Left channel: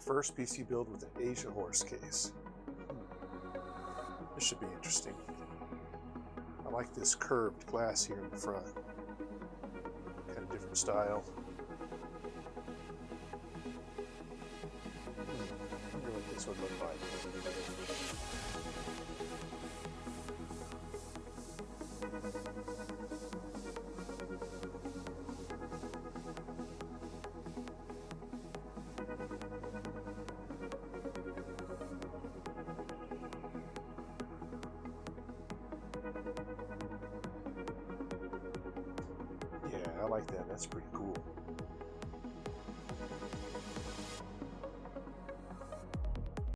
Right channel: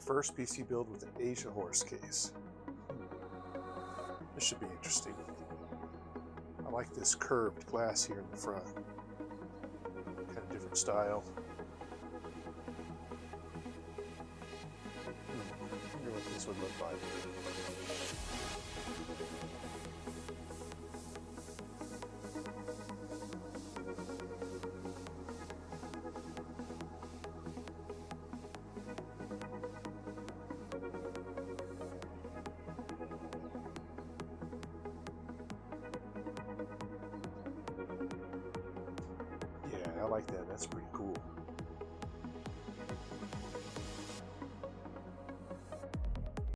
First PC build with an AsiaHorse case. This should be interesting. I like this curved glass here in the front. Kind of different style. I wonder what this would look like. Yeah, I like that. That's pretty cool.